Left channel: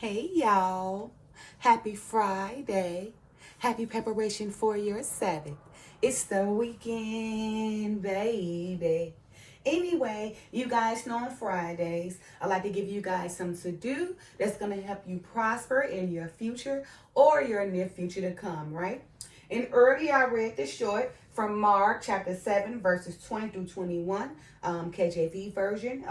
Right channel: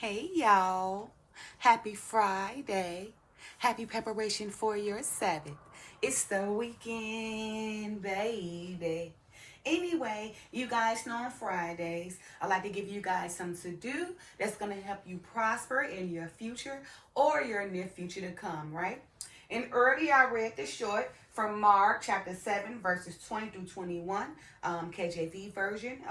Hey y'all, happy Friday. Happy preparation for your Sabbath. It's the weekend, baby. Anyway, you guys know on Fridays, I like to give you guys something to do that's going to help you prosper in your future or your near future to come, right? And earlier I read the short from Mark chapter 7, verses 20 through 21, KJV version,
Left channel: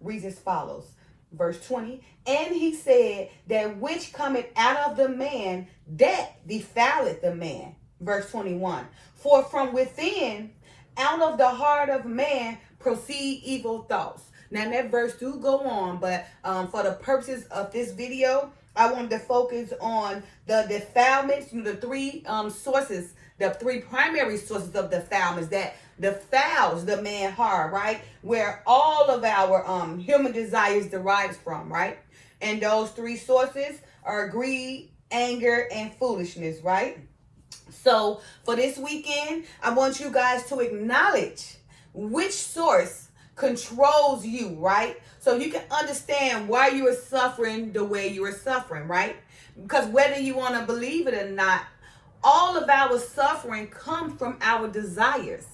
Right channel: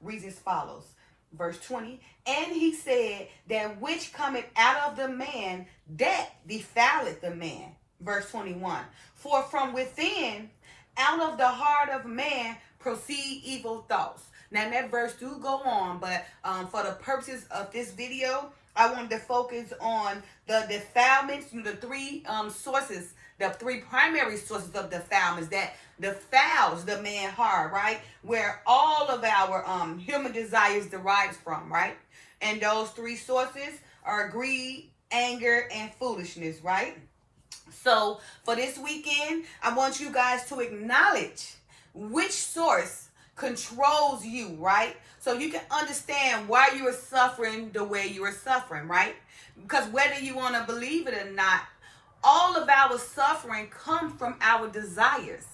reads as follows. Verse 20, and he said, that which cometh out of the man, that defileth the man. Verse 21, for from within, out of the heart of man, proceed evil thoughts. Now that verse do go on, but for the purposes of this video, I wanted to focus on the defilements, the three sources, the three primary sources of defilements that defiles the man heart, right? Where all of our human desires derives from, right? And those three sources are greed, anger, and foolishness, right? So for this weekend, I want you guys to acknowledge which source controls you, right? So you can understand why you are suffering the way you are suffering, right? Because whether you want to believe it or not, all of our suffering comes from our desires,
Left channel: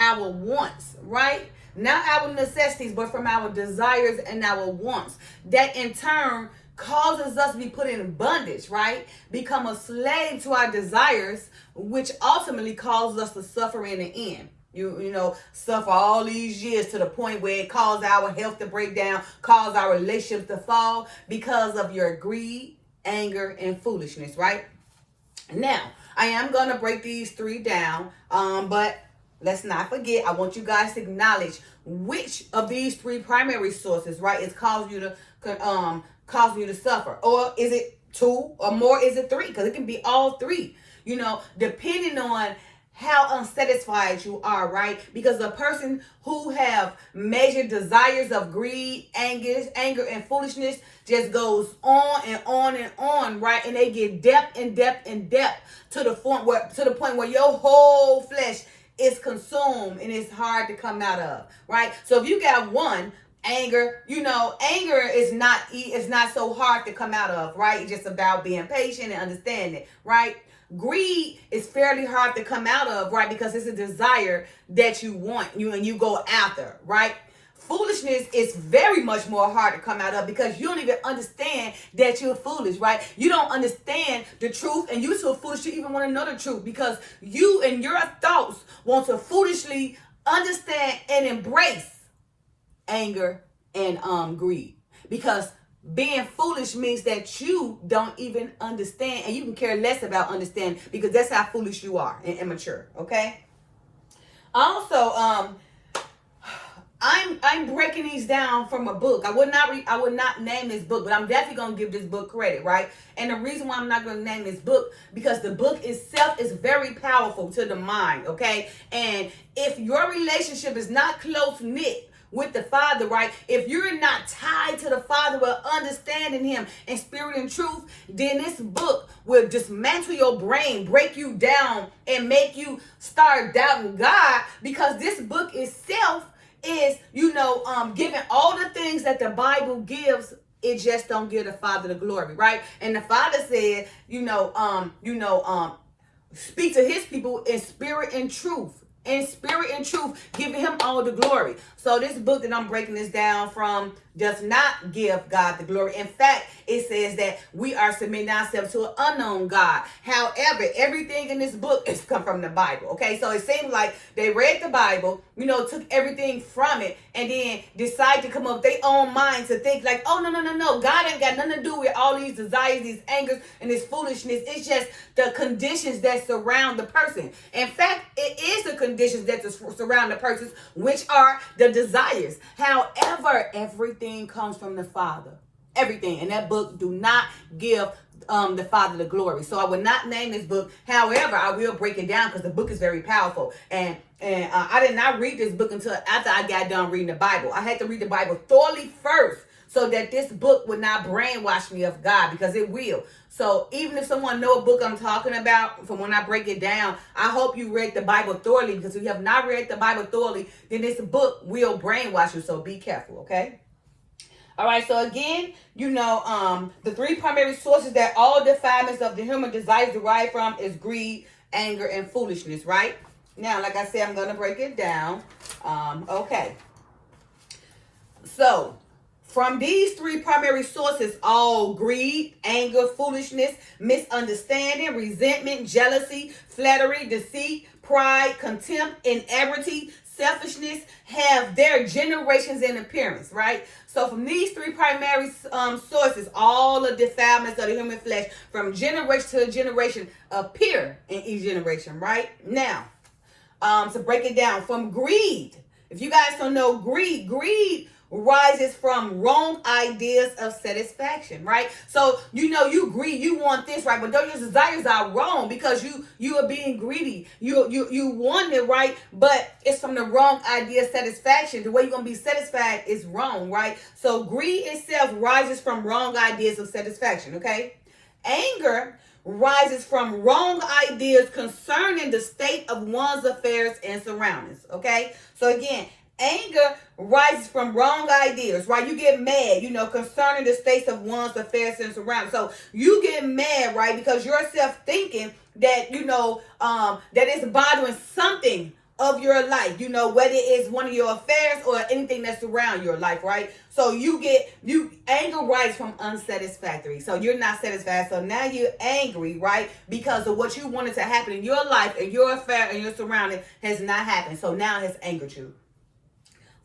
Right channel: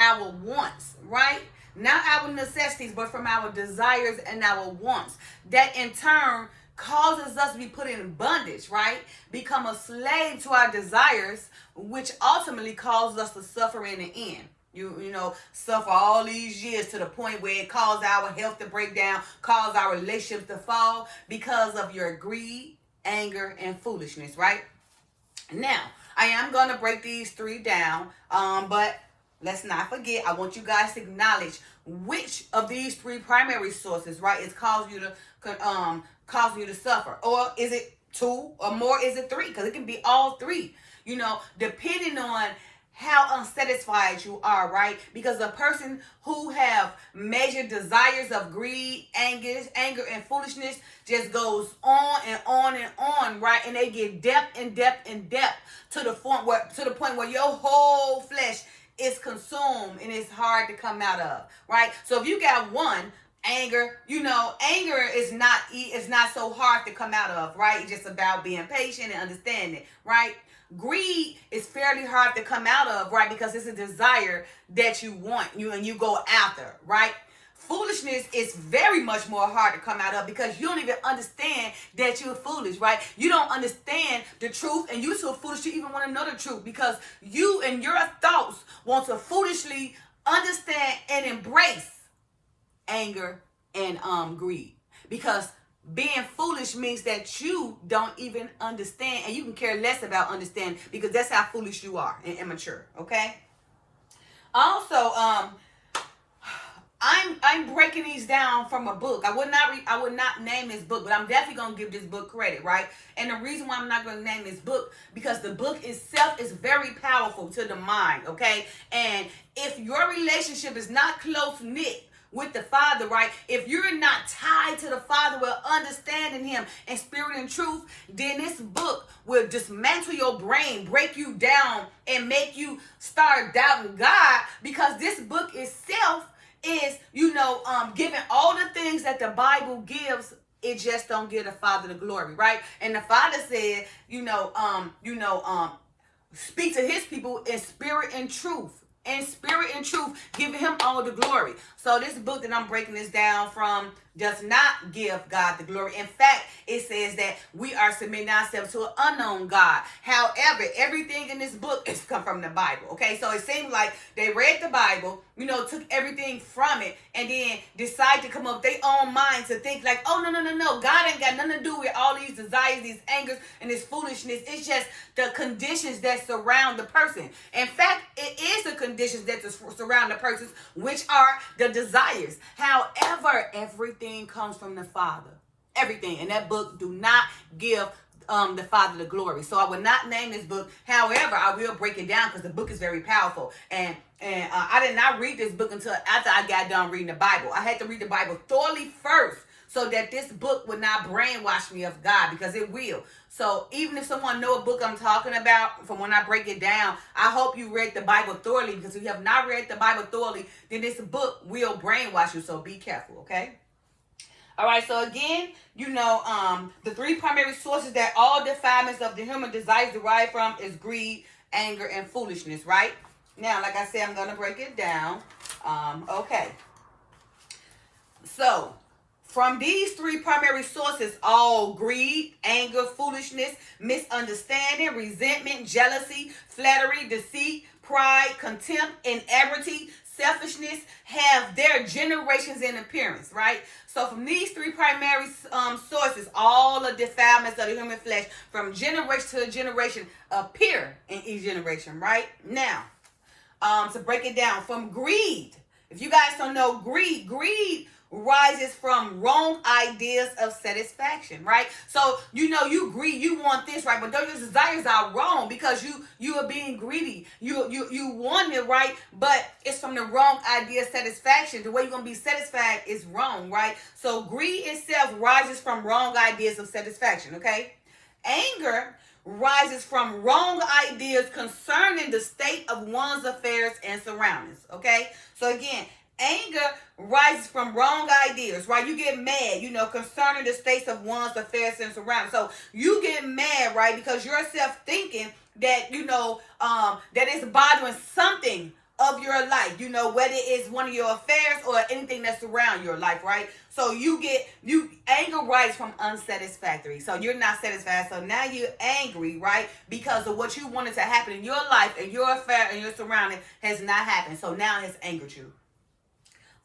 our wants, right? Not our necessities, but from our desires and our wants. That in turn causes us to be put in bondage, right? Become a slave to our desires, which ultimately causes us to suffer in the end. You know, suffer all these years to the point where it caused our health to break down, caused our relationships to fall because of your greed, anger, and foolishness, right? Now, I am going to break these three down, but let's not forget, I want you guys to acknowledge which of these three primary sources, right, is causing you to suffer. Or is it two or more? Is it three? Because it can be all three, you know, depending on how unsatisfied you are, right? Because a person who have measured desires of greed, anger, and foolishness just goes on and on and on, right? And they get depth and depth and depth to the point where your whole flesh is consumed and it's hard to come out of, right? So if you got one, anger, you know, anger is not so hard to come out of, right? It's just about being patient and understanding, right? Greed is fairly hard to come out of, right? Because it's a desire that you want, and you go after, right? Foolishness is very much more hard to come out of because you don't even understand that you're foolish, right? You don't understand the truth, and you're so foolish you even want to know the truth because you and your thoughts want to foolishly understand and embrace anger and greed, because being foolish means that you don't even understand, and you can care less about understanding because that's how foolish you are and immature. Okay. Also, I'm breaking these down from a book. I would not name this book, but I'm definitely gonna give this book credit, right? And the reason why I'm not gonna name this book, because the book itself is very powerful to the mind. Okay, and if your relationship is not close knit with the Father, right? If you're not tied to the Father with understanding Him in spirit and truth, then this book will dismantle your brain, break you down, and make you start doubting God, because this book itself is, giving all the things that the Bible gives. It just don't give the Father the glory, right? And the Father said, speak to His people in spirit and truth. In spirit and truth, giving Him all the glory. So this book that I'm breaking this down from does not give God the glory. In fact, it says that we are submitting ourselves to an unknown God. However, everything in this book is come from the Bible. Okay, so it seems like they read the Bible, took everything from it, and then decide to come up with their own mind to think like, oh, no. God ain't got nothing to do with all these desires, these angers, and this foolishness. It's just the conditions that surround the person. In fact, it is the conditions that surround the person, which are the desires. However, everything comes from the Father. Everything. And that book do not give the Father the glory. So I will not name this book. However, I will break it down because the book is very powerful. And I did not read this book until after I got done reading the Bible. I had to read the Bible thoroughly first so that this book would not brainwash me of God, because it will. So even if someone know a book I'm talking about, from when I break it down, I hope you read the Bible thoroughly, because if you have not read the Bible thoroughly, then this book will brainwash you. So be careful, okay? All right, so again, the three primary sources that all defilements of the human desires derive from is greed, anger, and foolishness, right? Now, like I said, I'm going to break it down. Okay. So, from these three primary sources, all greed, anger, foolishness, misunderstanding, resentment, jealousy, flattery, deceit, pride, contempt, inebriety, selfishness have their generations in appearance, right? So from these three primary sources, all the defilements of the human flesh from generation to generation appear in each generation, right? Now, to break it down, from greed. If you guys don't know greed rises from wrong ideas of satisfaction, right? So you greed, you want this, right? But those desires are wrong because you are being greedy. You want it, right? But it's from the wrong idea of satisfaction. The way you're gonna be satisfied is wrong, right? So greed itself rises from wrong ideas of satisfaction, okay? Anger rises from wrong ideas concerning the state of one's affairs and surroundings, okay? So again, anger rises from wrong ideas, right? You get mad, concerning the states of one's affairs and surroundings. So you get mad, right? Because you're self-thinking that, that it's bothering something of your life, whether it's one of your affairs or anything that's around your life, right? So anger rises from unsatisfactory. So you're not satisfied. So now you're angry, right? Because of what you wanted to happen in your life and your affair and your surrounding has not happened. So now it has angered you.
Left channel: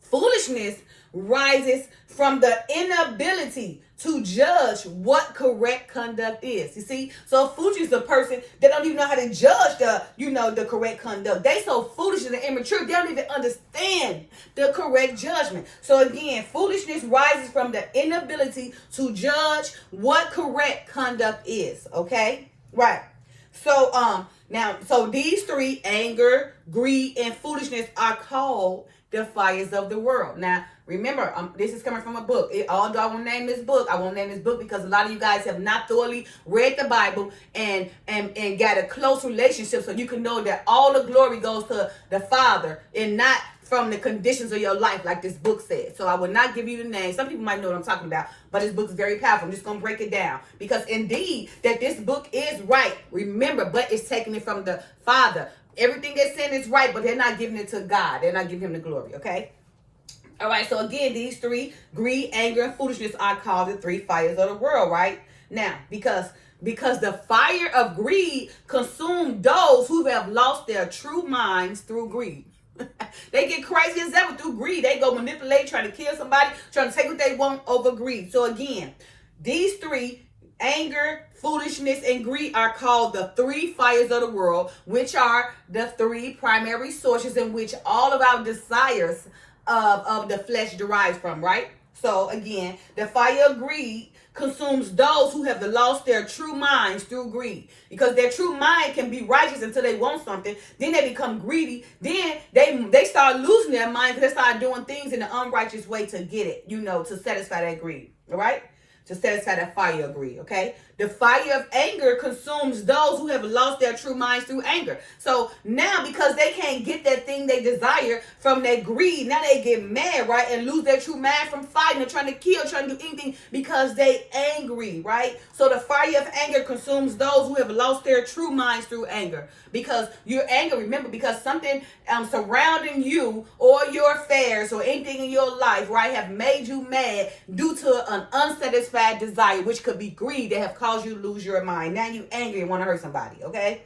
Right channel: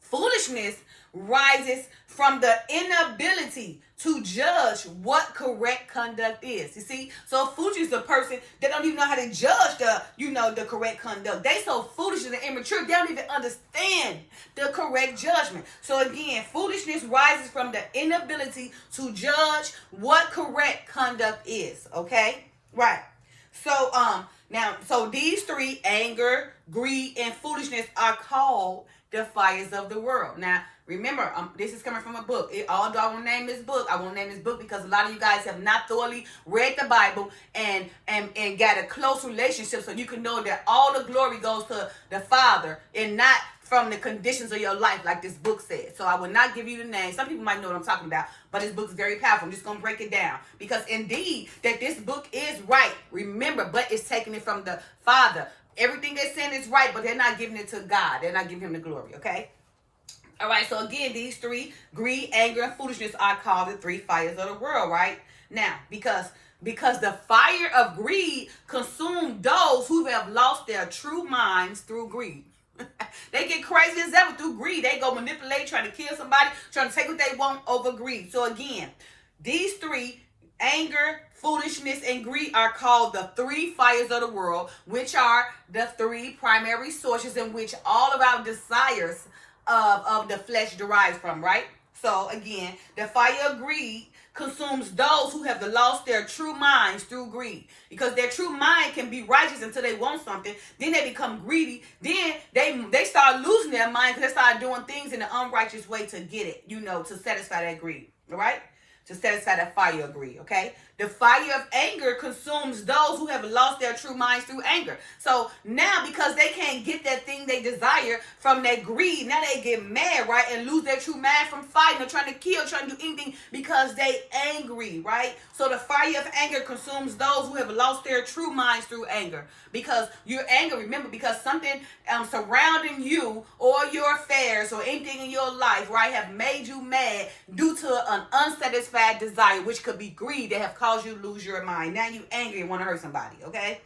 Foolishness rises from the inability to judge what correct conduct is. You see? So foolish is a person that don't even know how to judge the correct conduct. They so foolish and immature, they don't even understand the correct judgment. So again, foolishness rises from the inability to judge what correct conduct is. Okay? Right. So so these three, anger, greed, and foolishness, are called the fires of the world. Now, remember, this is coming from a book. Although I won't name this book, I won't name this book because a lot of you guys have not thoroughly read the Bible and got a close relationship, so you can know that all the glory goes to the Father and not from the conditions of your life, like this book said. So I will not give you the name. Some people might know what I'm talking about, but this book is very powerful. I'm just going to break it down because indeed that this book is right. Remember, but it's taking it from the Father. Everything they're saying is right, but they're not giving it to God. They're not giving him the glory, okay? All right, so again, these three, greed, anger, and foolishness, are called the three fires of the world, right? Now, because the fire of greed consumed those who have lost their true minds through greed. They get crazy as ever through greed. They go manipulate, trying to kill somebody, trying to take what they want over greed. So again, these three, anger, foolishness, and greed, are called the three fires of the world, which are the three primary sources in which all of our desires of the flesh derives from, right? So again, the fire of greed consumes those who have lost their true minds through greed, because their true mind can be righteous until they want something, then they become greedy, then they start losing their mind because they start doing things in an unrighteous way to get it, to satisfy that greed, all right? To satisfy that fire of greed, okay? The fire of anger consumes those who have lost their true minds through anger. So now, because they can't get that thing they desire from their greed, now they get mad, right? And lose their true mind from fighting or trying to kill, trying to do anything because they angry, right? So the fire of anger consumes those who have lost their true minds through anger. Because you're angry, remember, because something surrounding you or your affairs or anything in your life, right, have made you mad due to an unsatisfied desire, which could be greed, that have caused you to lose your mind. Now you angry and want to hurt somebody, okay?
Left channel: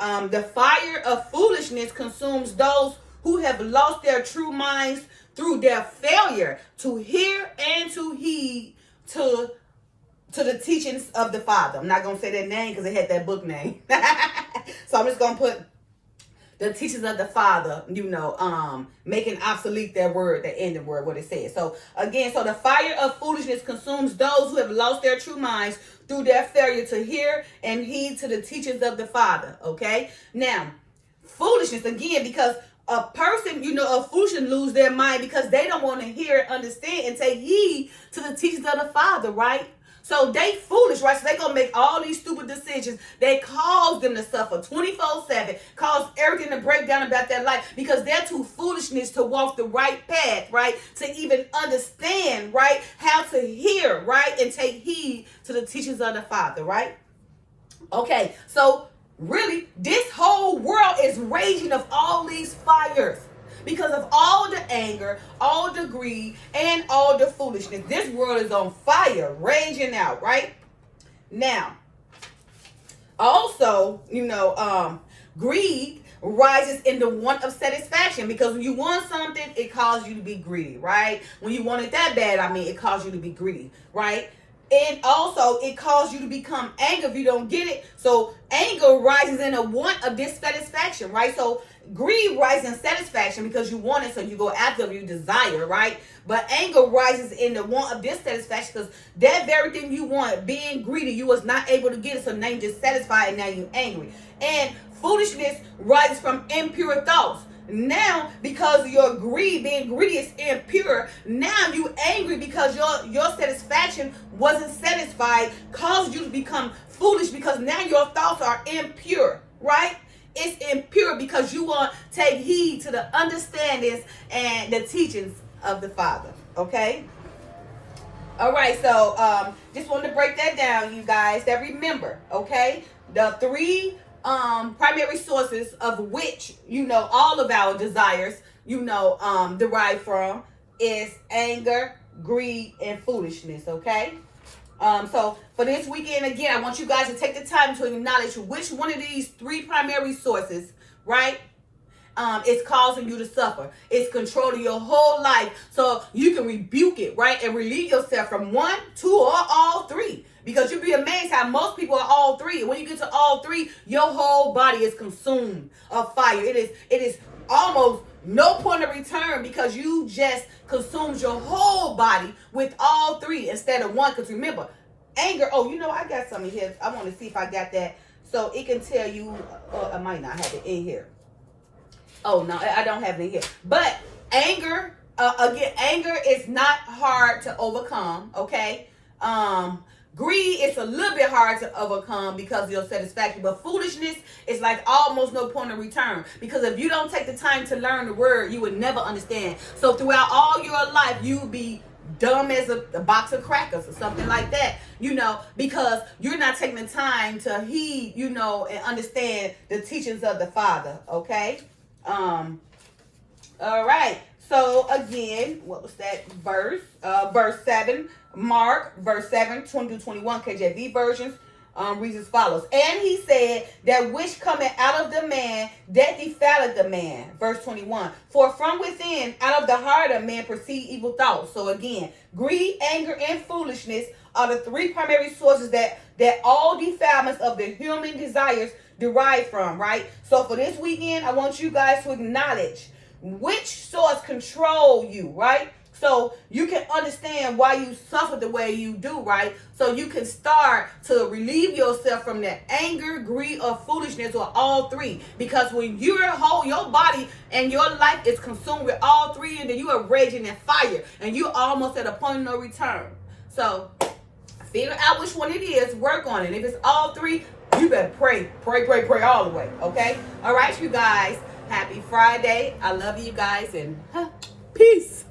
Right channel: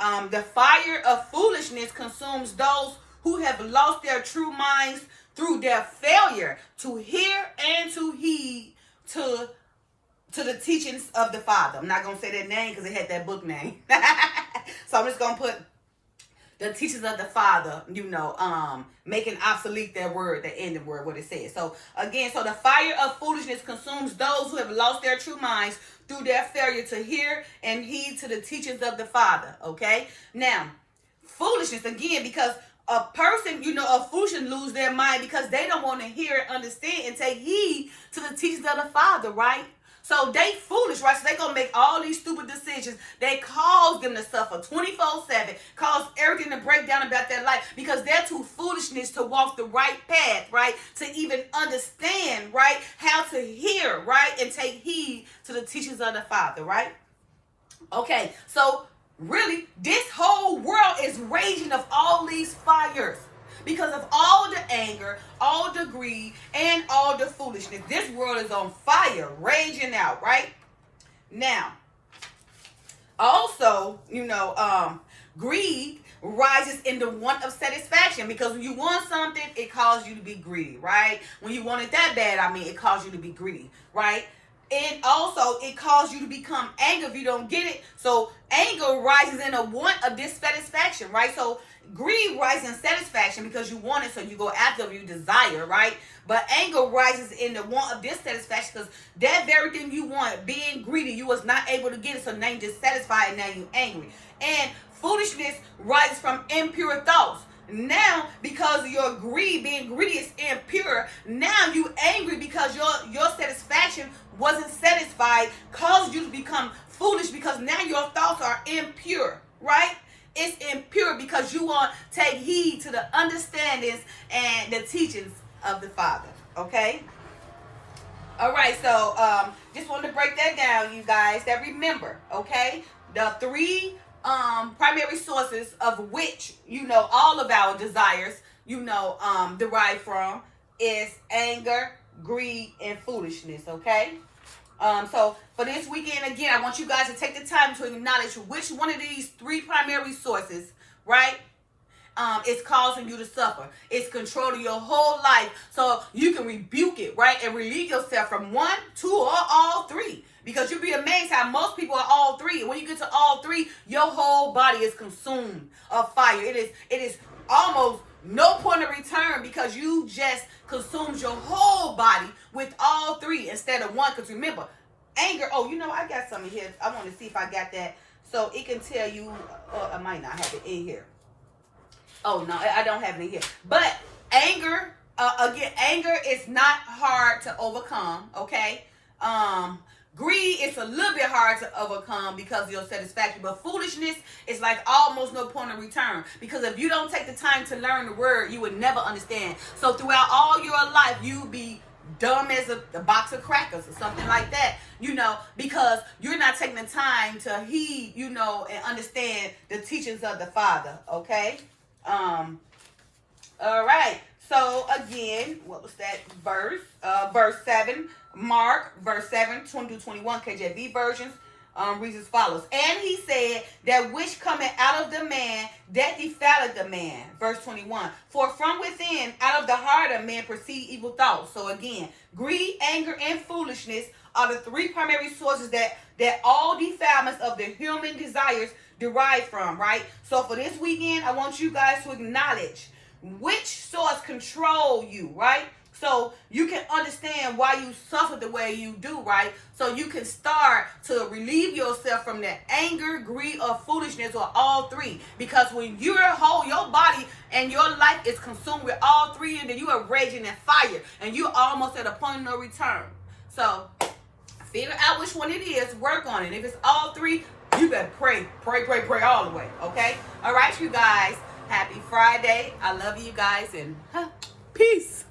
The fire of foolishness consumes those who have lost their true minds through their failure to hear and to heed to the teachings of the Father. I'm not going to say that name because it had that book name. So I'm just going to put the teachings of the Father, making obsolete that word, the end of word, what it says. So again, so the fire of foolishness consumes those who have lost their true minds through their failure to hear and heed to the teachings of the Father, okay? Now, foolishness, again, because a person, a foolishness lose their mind because they don't want to hear, understand, and take heed to the teachings of the Father, right? So they foolish, right? So they gonna make all these stupid decisions. They cause them to suffer 24/7, cause everything to break down about their life because they're too foolishness to walk the right path, right? To even understand, right? How to hear, right? And take heed to the teachings of the Father, right? Okay, so really, this whole world is raging of all these fires because of all the anger, all the greed, and all the foolishness. This world is on fire, raging out, right? Now, also, greed rises in the want of satisfaction because when you want something, it causes you to be greedy, right? When you want it that bad, it causes you to be greedy, right? And also, it causes you to become angry if you don't get it. So, anger rises in a want of dissatisfaction, right? So, greed rises in satisfaction because you want it, so you go after what you desire, right? But anger rises in the want of dissatisfaction because that very thing you want, being greedy, you was not able to get it, so now you're dissatisfied and now you're angry. And foolishness rises from impure thoughts. Now, because your greed, being greedy is impure, now you angry because your satisfaction wasn't satisfied, caused you to become foolish because now your thoughts are impure, right? It's impure because you want to take heed to the understandings and the teachings of the Father, okay? All right, so just want to break that down, you guys, that remember, okay? The three primary sources of which, all of our desires, derive from is anger, greed, and foolishness, okay? So for this weekend, again, I want you guys to take the time to acknowledge which one of these three primary sources, right, is causing you to suffer. It's controlling your whole life so you can rebuke it, right, and relieve yourself from one, two, or all three. Because you'll be amazed how most people are all three. And when you get to all three, your whole body is consumed of fire. It is almost no point of return because you just consumed your whole body with all three instead of one. Because remember, anger, I got something here. I want to see if I got that. So it can tell you, I might not have it in here. Oh, no, I don't have it in here. But anger, anger is not hard to overcome, okay? Greed is a little bit hard to overcome because of your satisfaction. But foolishness is like almost no point of return. Because if you don't take the time to learn the word, you would never understand. So throughout all your life, you'll be dumb as a box of crackers or something like that, because you're not taking the time to heed, and understand the teachings of the Father, okay? All right. So again, what was that verse? Verse 7, Mark, verse 7, 20-21, KJV versions, reads as follows. And he said, that which cometh out of the man, that defileth the man. Verse 21, for from within, out of the heart of man, proceed evil thoughts. So again, greed, anger, and foolishness are the three primary sources that all defilements of the human desires derive from, right? So for this weekend, I want you guys to acknowledge which source control you, right? So you can understand why you suffer the way you do, right? So you can start to relieve yourself from that anger, greed, or foolishness, or all three. Because when your body and your life is consumed with all three, and then you are raging in fire, and you're almost at a point of no return. So figure out which one it is, work on it. If it's all three, you better pray all the way, okay? All right, you guys. Happy Friday. I love you guys, and peace.